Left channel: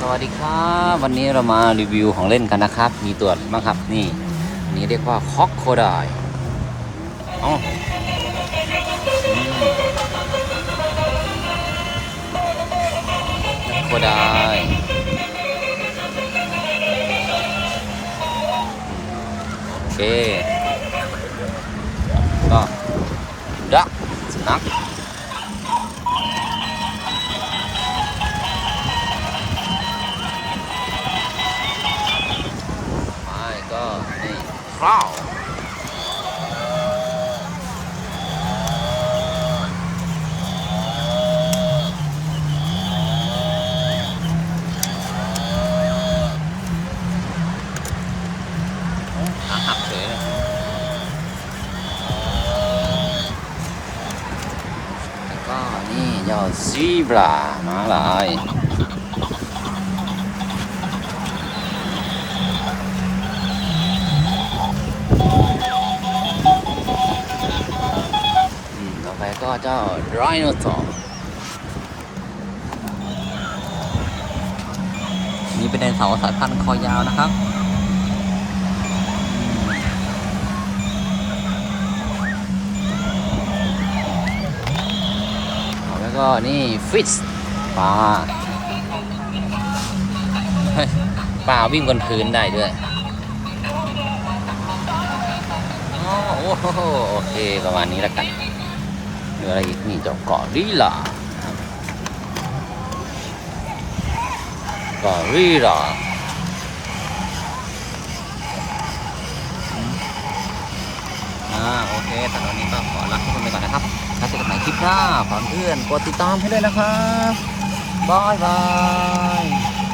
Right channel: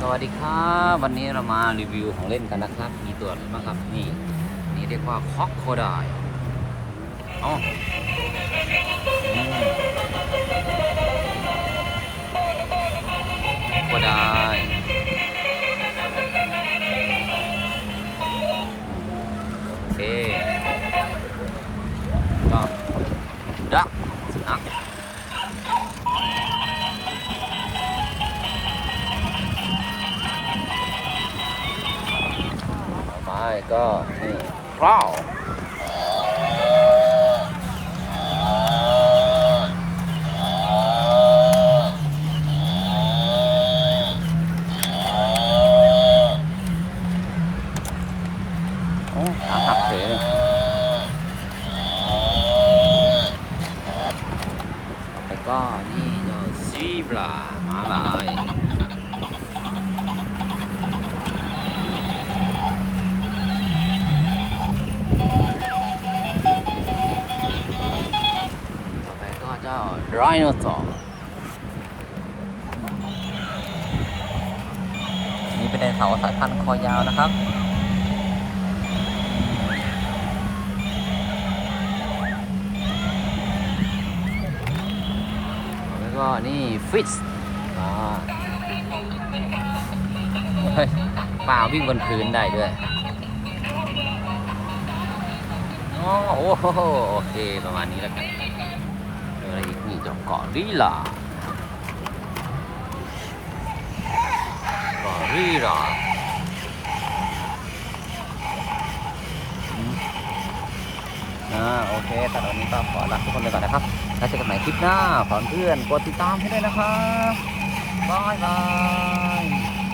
สวัสดีครับวันนี้เรามารีวิวของเล่นกันนะครับ มีตัวอะไรบ้างครับนี่อันนี้เรียกว่าคอกโคไดอ๋อโคไดโอเคก็ดักสุนัข ก็นี่คราวอื้อขาหักเฉยแล้วก็นี่เจ้าซีบรามาลาย ก็เจ้าไรโนเสาร์นี่เป็นไดโนเสาร์สายพันธุ์คอยาวนะครับต่อไปก็นี่ฟิชปลาเฮ้ยปลาวิ่งบนพื้นได้ด้วยโอ้โหโอเค ประมาณนี้แล้วกันืออะไรอีกนี่เจ้าเกาะริลานะครับเกาะริลาอ่าโอเคสำหรับวันนี้ก็ขอลาทุกคนไปก่อนนะครับแล้วเจอกันใหม่คลิปหน้าฝากเพื่อนกดติดตามให้ด้วยนะครับบายบาย